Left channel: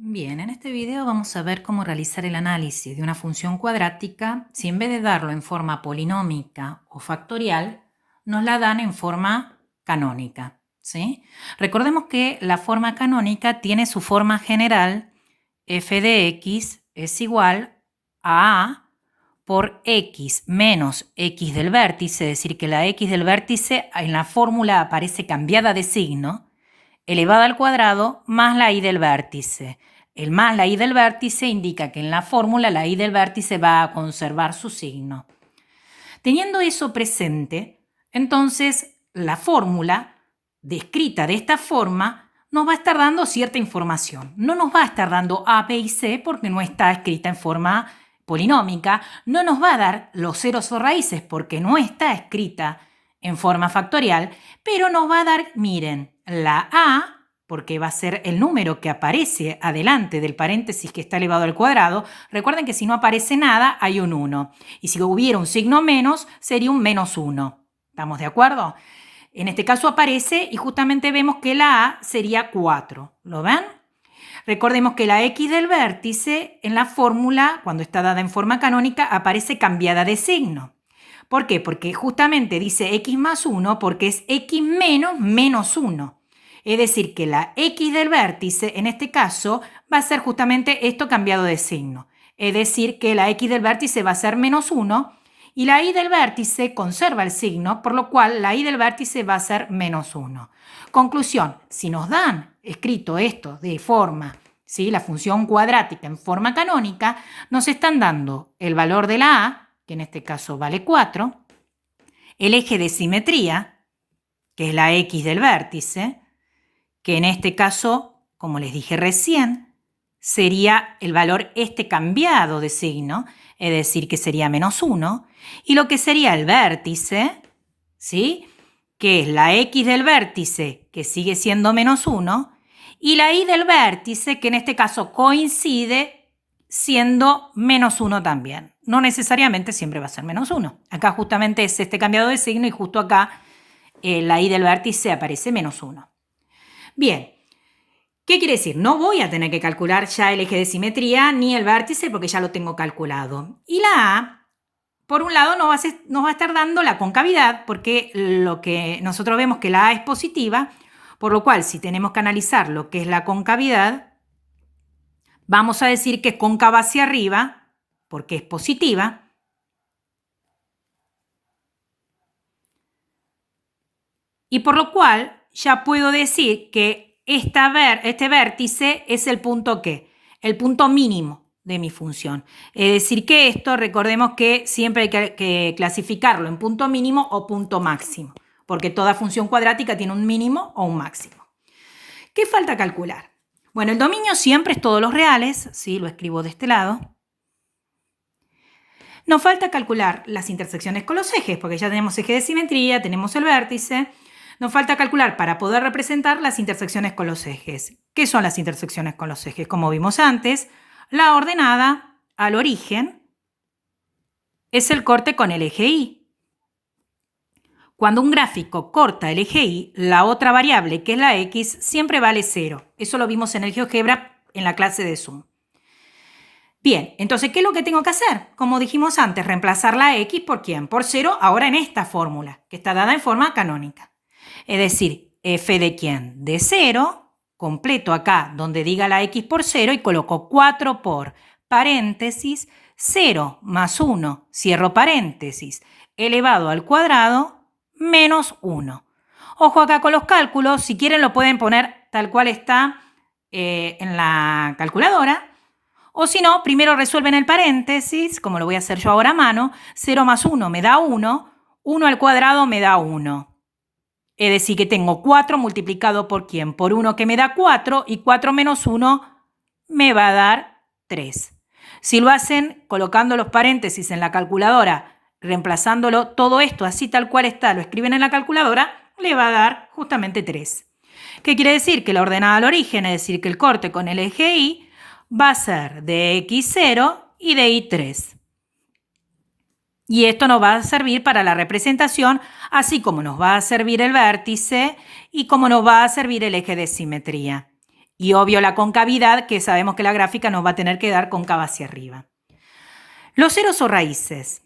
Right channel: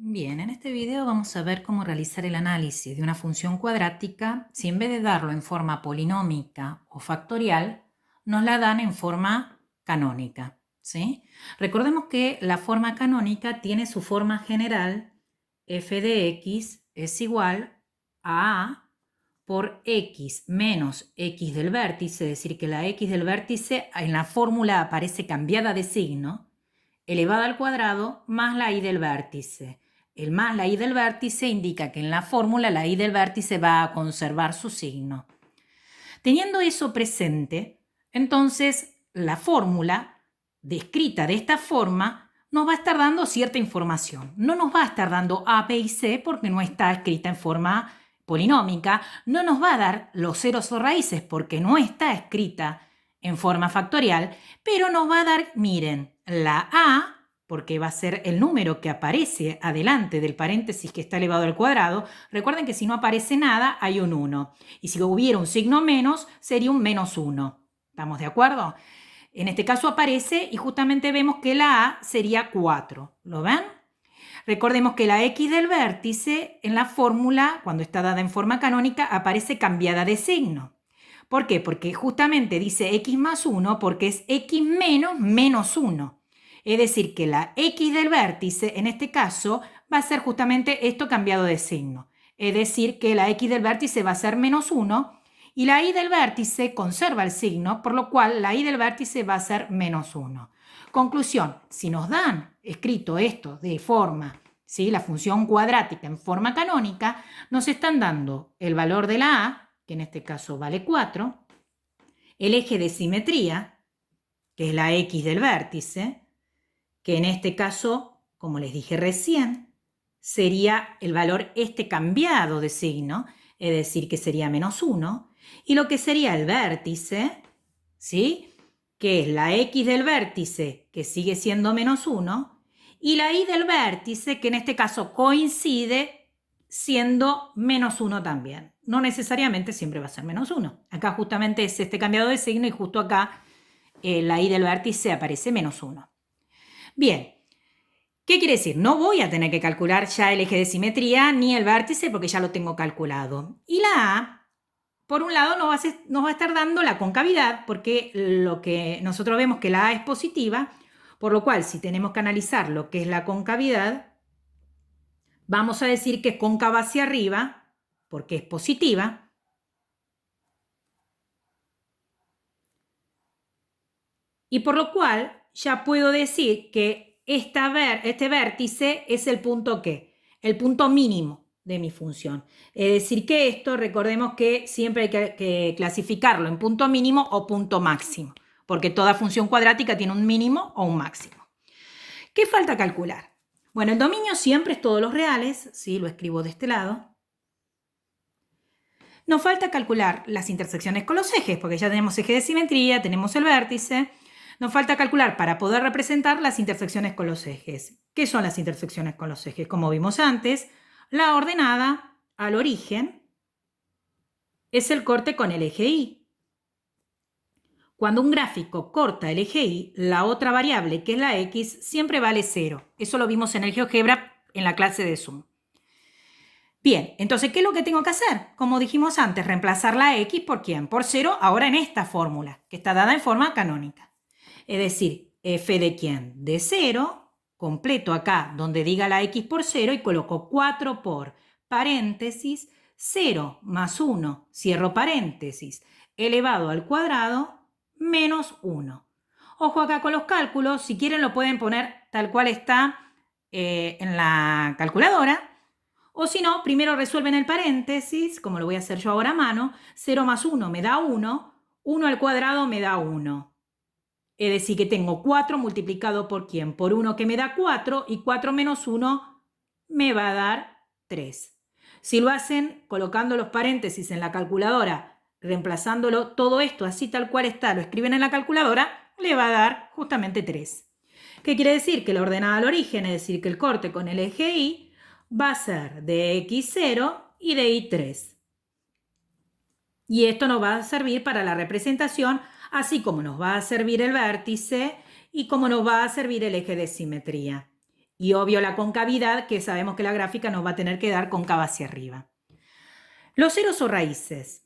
Bien, en este video vamos a ver cómo realizar el análisis de una función cuadrática si en vez de darlo en forma polinómica o factorial, nos la dan en forma canónica, ¿sí? Recordemos que la forma canónica tiene su forma general, f de x es igual a por x menos x del vértice, es decir, que la x del vértice en la fórmula aparece cambiada de signo, elevada al cuadrado más la y del vértice. El más la y del vértice indica que en la fórmula la y del vértice va a conservar su signo. Teniendo eso presente, entonces la fórmula descrita de esta forma nos va a estar dando cierta información. No nos va a estar dando A, B y C porque no está escrita en forma polinómica. No nos va a dar los ceros o raíces porque no está escrita en forma factorial, pero nos va a dar, miren, la A, porque va a ser el número que aparece adelante del paréntesis que está elevado al cuadrado. Recuerden que si no aparece nada, hay un 1. Y si hubiera un signo menos, sería un menos 1. ¿Estamos de acuerdo? En este caso aparece y justamente vemos que la A sería 4. ¿Lo ven? Recordemos que la x del vértice en la fórmula, cuando está dada en forma canónica, aparece cambiada de signo. ¿Por qué? Porque justamente dice x más 1 porque es x menos menos 1. Es decir, que la x del vértice, en este caso, va a ser justamente esto cambiado de signo. Es decir, que la x del vértice va a ser menos 1 y la y del vértice conserva el signo, por lo cual la y del vértice va a ser menos 1. Conclusión, si nos dan escrito esto de forma, ¿sí? La función cuadrática en forma canónica, nos están dando el valor de la a, que en este caso vale 4, el eje de simetría, que es la x del vértice, que en este caso, como les dije recién, sería el valor este cambiado de signo, es decir, que sería menos 1, y lo que sería el vértice, ¿sí? Que es la x del vértice, que sigue siendo menos 1, y la y del vértice, que en este caso coincide siendo menos 1 también. No necesariamente siempre va a ser menos 1. Acá justamente es este cambiado de signo y justo acá la y del vértice aparece menos 1. Bien, ¿qué quiere decir? No voy a tener que calcular ya el eje de simetría ni el vértice porque ya lo tengo calculado. Y la A, por un lado, nos va a estar dando la concavidad porque lo que nosotros vemos que la A es positiva, por lo cual si tenemos que analizar lo que es la concavidad, vamos a decir que es cóncava hacia arriba porque es positiva. Y por lo cual ya puedo decir que este vértice es el punto ¿qué? El punto mínimo de mi función. Es decir que esto, recordemos que siempre hay que clasificarlo en punto mínimo o punto máximo, porque toda función cuadrática tiene un mínimo o un máximo. ¿Qué falta calcular? Bueno, el dominio siempre es todos los reales, ¿sí? Lo escribo de este lado. Nos falta calcular las intersecciones con los ejes, porque ya tenemos eje de simetría, tenemos el vértice. Nos falta calcular para poder representar las intersecciones con los ejes. ¿Qué son las intersecciones con los ejes? Como vimos antes, la ordenada al origen es el corte con el eje Y. Cuando un gráfico corta el eje Y, la otra variable, que es la x, siempre vale 0. Eso lo vimos en el GeoGebra en la clase de Zoom. Bien, entonces, ¿qué es lo que tengo que hacer? Como dijimos antes, reemplazar la x por ¿quién? Por 0, ahora en esta fórmula, que está dada en forma canónica. Es decir, f de ¿quién? De 0, completo acá donde diga la x por 0 y coloco 4 por paréntesis, 0 más 1, cierro paréntesis, elevado al cuadrado, menos 1. Ojo acá con los cálculos, si quieren lo pueden poner tal cual está en la calculadora. O si no, primero resuelven el paréntesis, como lo voy a hacer yo ahora a mano. 0 más 1 me da 1, 1 al cuadrado me da 1. Es decir, que tengo 4 multiplicado por ¿quién? Por 1 que me da 4 y 4 menos 1 me va a dar 3. Si lo hacen colocando los paréntesis en la calculadora, reemplazándolo todo esto así tal cual está, lo escriben en la calculadora, le va a dar justamente 3. ¿Qué quiere decir? Que la ordenada al origen, es decir, que el corte con el eje Y, va a ser de x0 y de y3. Y esto nos va a servir para la representación, así como nos va a servir el vértice y como nos va a servir el eje de simetría. Y obvio la concavidad, que sabemos que la gráfica nos va a tener que dar cóncava hacia arriba. Los ceros o raíces.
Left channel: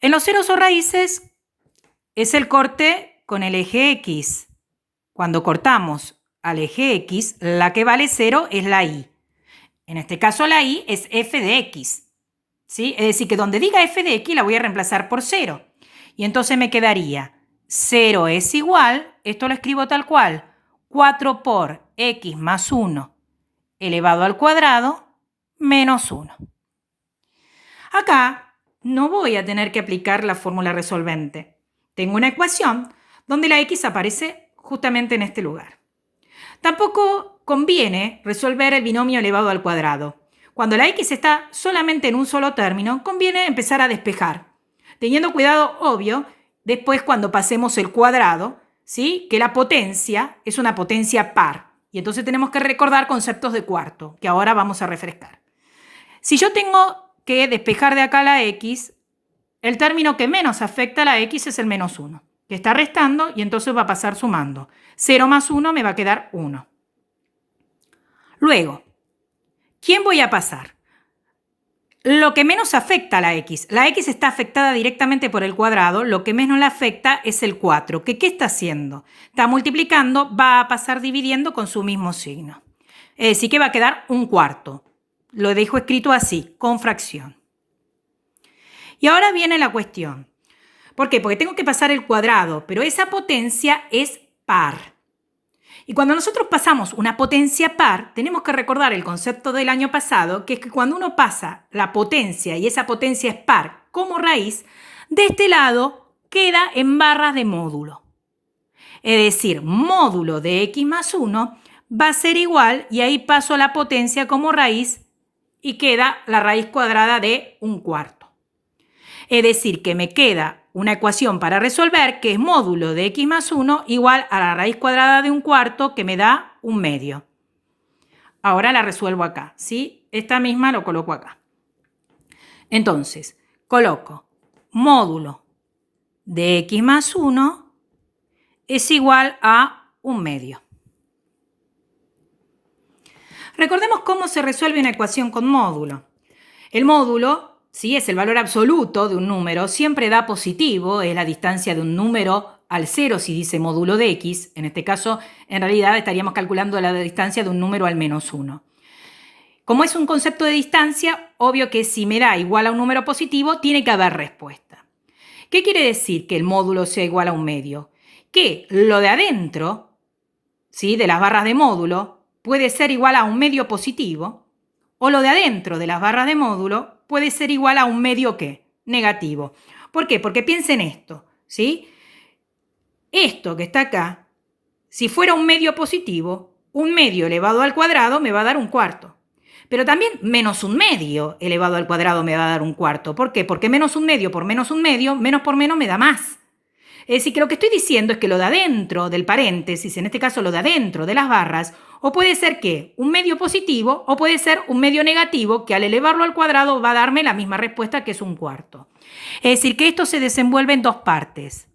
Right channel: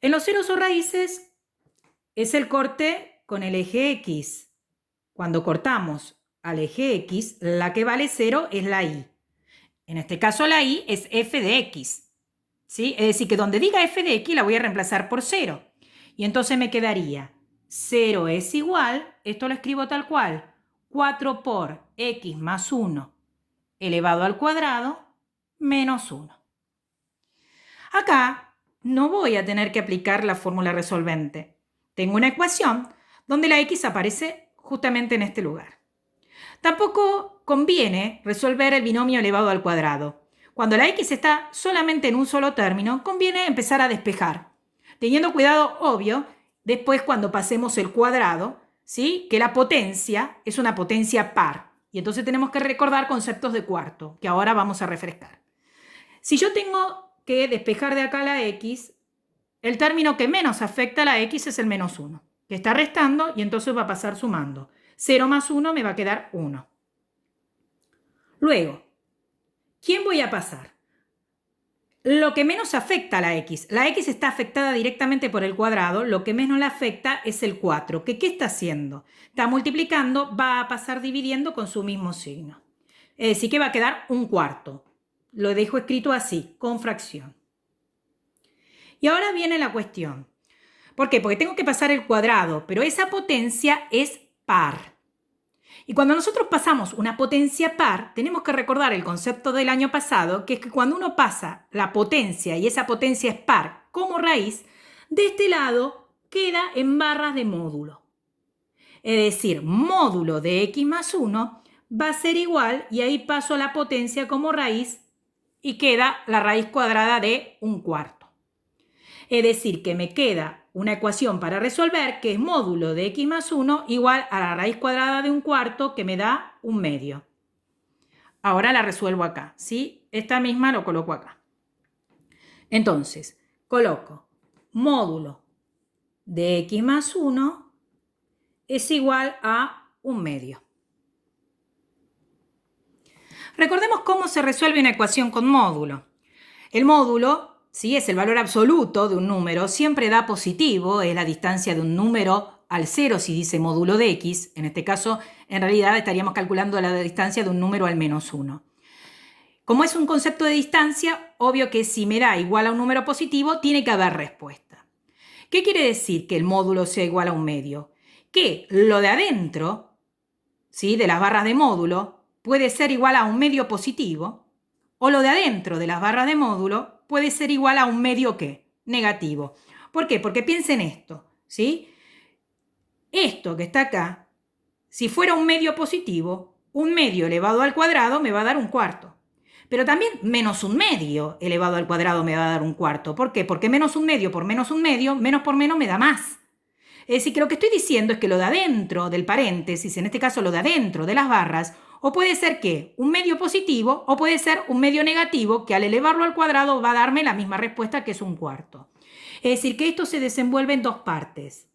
En los ceros o raíces es el corte con el eje X. Cuando cortamos al eje X, la que vale 0 es la Y. En este caso la Y es f de X. ¿Sí? Es decir, que donde diga f de X la voy a reemplazar por 0. Y entonces me quedaría 0 es igual, esto lo escribo tal cual, 4 por X más 1 elevado al cuadrado menos 1. Acá no voy a tener que aplicar la fórmula resolvente. Tengo una ecuación donde la X aparece justamente en este lugar. Tampoco conviene resolver el binomio elevado al cuadrado. Cuando la X está solamente en un solo término, conviene empezar a despejar, teniendo cuidado, obvio, después cuando pasemos el cuadrado, ¿sí? Que la potencia es una potencia par. Y entonces tenemos que recordar conceptos de cuarto, que ahora vamos a refrescar. Si yo tengo que despejar de acá la X, el término que menos afecta a la X es el menos 1, que está restando y entonces va a pasar sumando. 0 más 1 me va a quedar 1. Luego, ¿quién voy a pasar? Lo que menos afecta a la X. La X está afectada directamente por el cuadrado. Lo que menos la afecta es el 4. ¿Qué está haciendo? Está multiplicando, va a pasar dividiendo con su mismo signo. Es decir, que va a quedar un cuarto. Lo dejo escrito así, con fracción. Y ahora viene la cuestión. ¿Por qué? Porque tengo que pasar el cuadrado, pero esa potencia es par. Y cuando nosotros pasamos una potencia par, tenemos que recordar el concepto del año pasado, que es que cuando uno pasa la potencia y esa potencia es par como raíz, de este lado queda en barras de módulo. Es decir, módulo de x más 1 va a ser igual, y ahí paso la potencia como raíz y queda la raíz cuadrada de un cuarto. Es decir, que me queda una ecuación para resolver que es módulo de x más 1 igual a la raíz cuadrada de un cuarto, que me da un medio. Ahora la resuelvo acá, ¿sí? Esta misma lo coloco acá. Entonces, coloco módulo de x más 1 es igual a un medio. Recordemos cómo se resuelve una ecuación con módulo. El módulo, ¿sí?, es el valor absoluto de un número, siempre da positivo, es la distancia de un número al 0 si dice módulo de x. En este caso, en realidad estaríamos calculando la distancia de un número al menos 1. Como es un concepto de distancia, obvio que si me da igual a un número positivo, tiene que haber respuesta. ¿Qué quiere decir que el módulo sea igual a un medio? Que lo de adentro, ¿sí?, de las barras de módulo, puede ser igual a un medio positivo, o lo de adentro de las barras de módulo puede ser igual a un medio ¿qué? Negativo. ¿Por qué? Porque piensen esto, ¿sí? Esto que está acá, si fuera un medio positivo, un medio elevado al cuadrado me va a dar un cuarto. Pero también menos un medio elevado al cuadrado me va a dar un cuarto. ¿Por qué? Porque menos un medio por menos un medio, menos por menos me da más. Es decir, que lo que estoy diciendo es que lo de adentro del paréntesis, en este caso lo de adentro de las barras, o puede ser que un medio positivo o puede ser un medio negativo, que al elevarlo al cuadrado va a darme la misma respuesta, que es un cuarto. Es decir, que esto se desenvuelve en dos partes.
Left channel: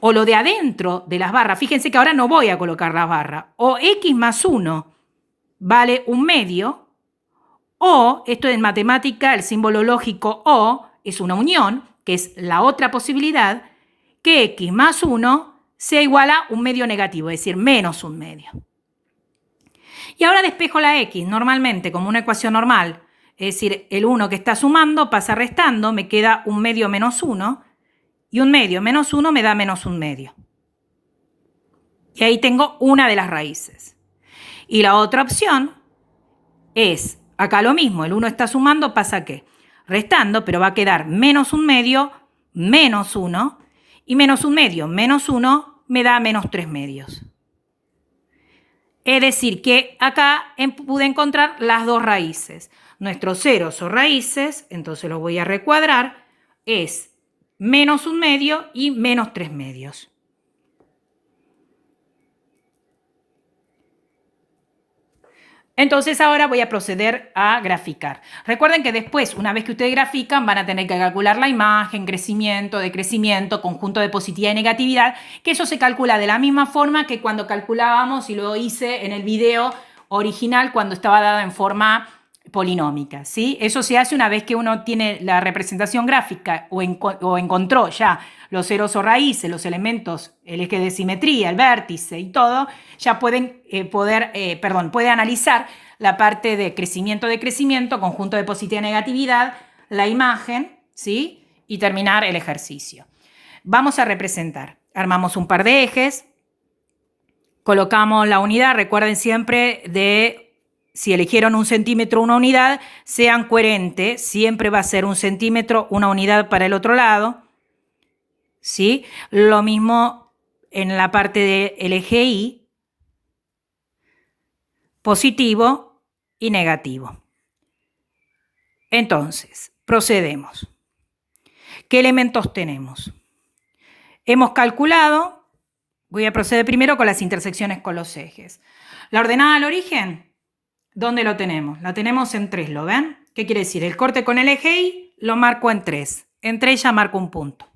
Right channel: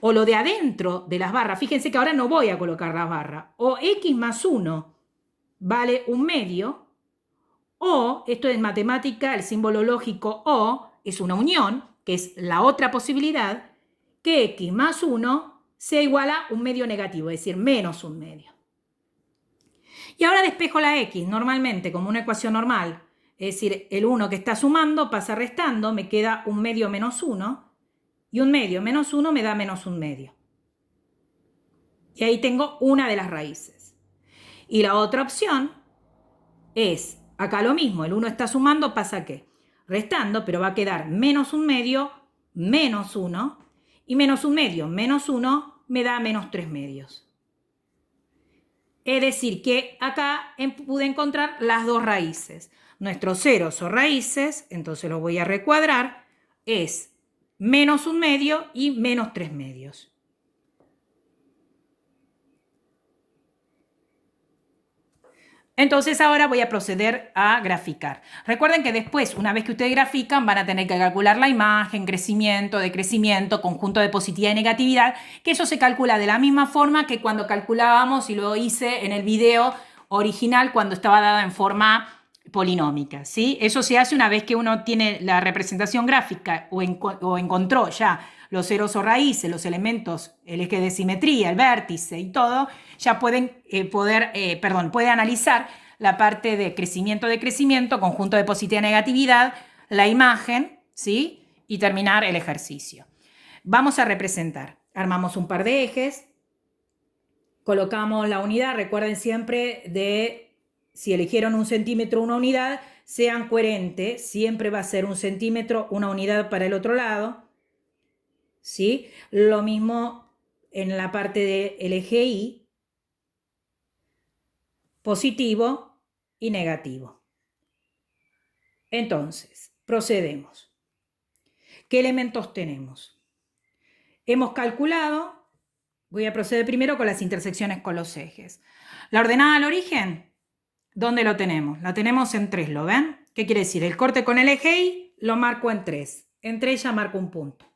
O lo de adentro de las barras, fíjense que ahora no voy a colocar la barra, o x más 1 vale un medio, o, esto en matemática, el símbolo lógico o es una unión, que es la otra posibilidad, que x más 1 sea igual a un medio negativo, es decir, menos un medio. Y ahora despejo la x normalmente como una ecuación normal, es decir, el 1 que está sumando pasa restando, me queda un medio menos 1, y un medio menos 1 me da menos un medio. Y ahí tengo una de las raíces. Y la otra opción es, acá lo mismo, el 1 está sumando, pasa ¿qué? Restando, pero va a quedar menos un medio menos 1, y menos un medio menos 1 me da menos 3 medios. Es decir, que acá pude encontrar las dos raíces. Nuestros ceros o raíces, entonces los voy a recuadrar, es menos un medio y menos 3 medios. Entonces ahora voy a proceder a graficar. Recuerden que después, una vez que ustedes grafican, van a tener que calcular la imagen, crecimiento, decrecimiento, conjunto de positividad y negatividad, que eso se calcula de la misma forma que cuando calculábamos, y lo hice en el video original cuando estaba dada en forma polinómica, ¿sí? Eso se hace una vez que uno tiene la representación gráfica o encontró ya los ceros o raíces, los elementos, el eje de simetría, el vértice y todo, ya pueden puede analizar la parte de crecimiento, decrecimiento, conjunto de positividad y negatividad, la imagen, ¿sí? Y terminar el ejercicio. Vamos a representar. Armamos un par de ejes, colocamos la unidad, recuerden siempre de, si eligieron 1 centímetro, una unidad, sean coherentes, siempre va a ser 1 centímetro, una unidad para el otro lado, ¿sí? Lo mismo en la parte del eje Y, positivo y negativo. Entonces, procedemos. ¿Qué elementos tenemos? Hemos calculado, voy a proceder primero con las intersecciones con los ejes. La ordenada al origen, ¿dónde lo tenemos? La tenemos en 3, ¿lo ven? ¿Qué quiere decir? El corte con el eje Y lo marco en 3. En 3 ya marco un punto.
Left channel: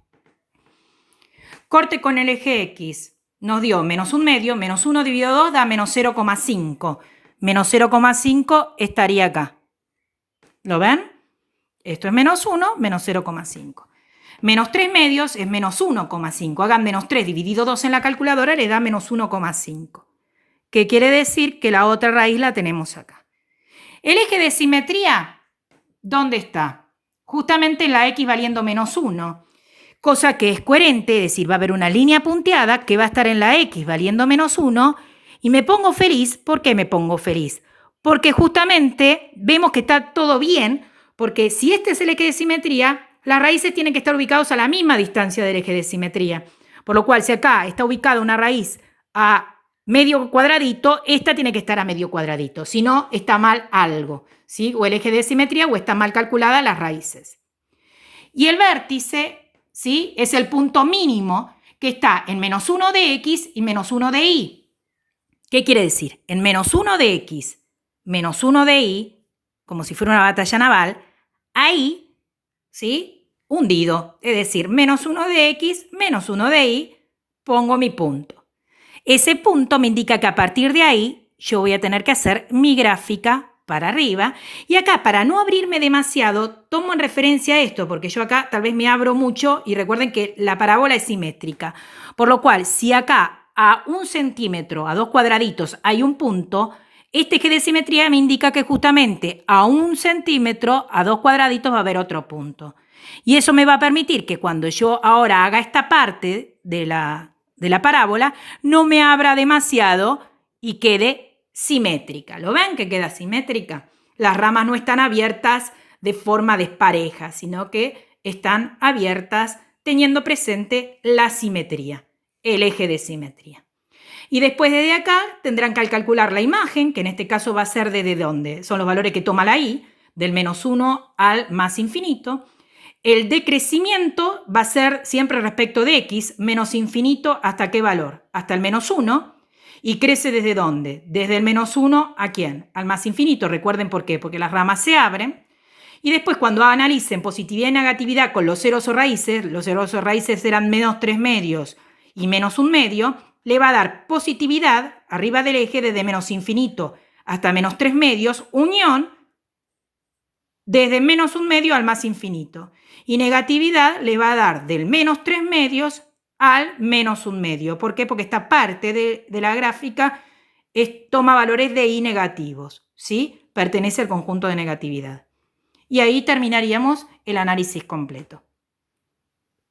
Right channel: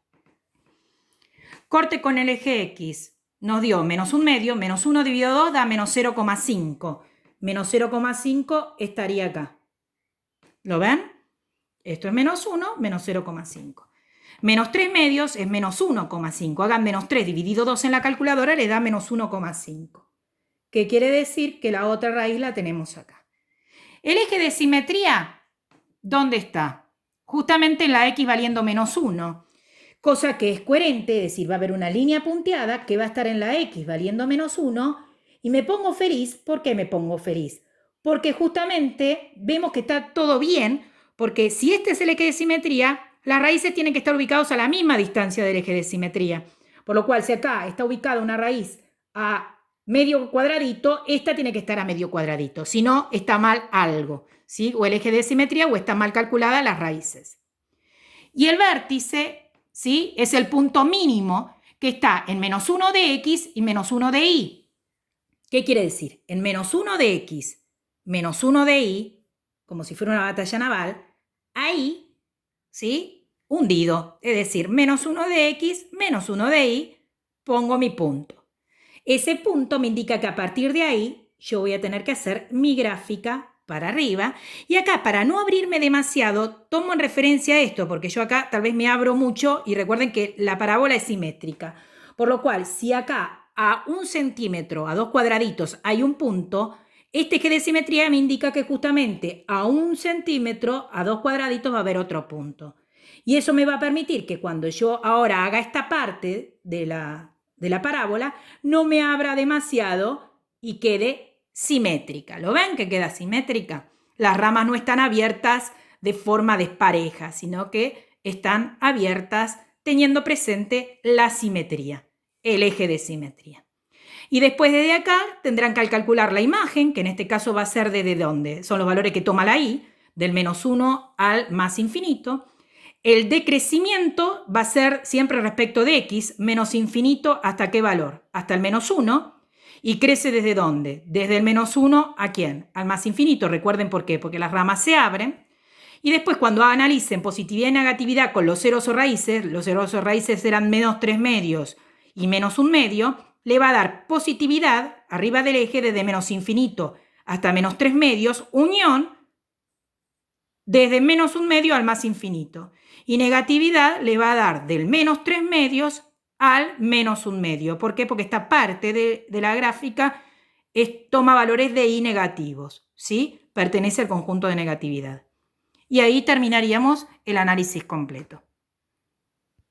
Corte con el eje X nos dio menos 1 medio, menos 1 dividido 2 da menos 0,5. Menos 0,5 estaría acá. ¿Lo ven? Esto es menos 1, menos 0,5. Menos 3 medios es menos 1,5. Hagan menos 3 dividido 2 en la calculadora, le da menos 1,5. ¿Qué quiere decir? Que la otra raíz la tenemos acá. El eje de simetría, ¿dónde está? Justamente en la X valiendo menos 1. Cosa que es coherente, es decir, va a haber una línea punteada que va a estar en la X valiendo menos 1 y me pongo feliz. ¿Por qué me pongo feliz? Porque justamente vemos que está todo bien, porque si este es el eje de simetría, las raíces tienen que estar ubicados a la misma distancia del eje de simetría. Por lo cual, si acá está ubicada una raíz a medio cuadradito, esta tiene que estar a medio cuadradito. Si no, está mal algo, ¿sí? O el eje de simetría o están mal calculadas las raíces. Y el vértice, ¿sí? Es el punto mínimo que está en menos 1 de X y menos 1 de Y. ¿Qué quiere decir? En menos 1 de X, menos 1 de Y, como si fuera una batalla naval, ahí, ¿sí? Hundido. Es decir, menos 1 de X, menos 1 de Y, pongo mi punto. Ese punto me indica que a partir de ahí yo voy a tener que hacer mi gráfica para arriba. Y acá, para no abrirme demasiado, tomo en referencia esto, porque yo acá tal vez me abro mucho y recuerden que la parábola es simétrica. Por lo cual, si acá a 1 centímetro, a 2 cuadraditos, hay un punto, este eje de simetría me indica que justamente a 1 centímetro, a 2 cuadraditos va a haber otro punto. Y eso me va a permitir que cuando yo ahora haga esta parte de la parábola, no me abra demasiado y quede simétrica. ¿Lo ven que queda simétrica? Las ramas no están abiertas de forma despareja, sino que están abiertas teniendo presente la simetría, el eje de simetría. Y después desde acá tendrán que calcular la imagen, que en este caso va a ser desde dónde. Son los valores que toma la Y, del menos 1 al más infinito. El decrecimiento va a ser siempre respecto de X, menos infinito, ¿hasta qué valor? Hasta el menos 1. ¿Y crece desde dónde? Desde el menos 1 ¿a quién? Al más infinito. Recuerden por qué. Porque las ramas se abren. Y después cuando analicen positividad y negatividad con los ceros o raíces, los ceros o raíces serán menos 3 medios y menos 1 medio, le va a dar positividad arriba del eje desde menos infinito hasta menos 3 medios, unión desde menos 1 medio al más infinito. Y negatividad le va a dar del menos 3 medios al menos 1 medio. ¿Por qué? Porque esta parte de la gráfica toma valores de Y negativos, ¿sí? Pertenece al conjunto de negatividad. Y ahí terminaríamos el análisis completo.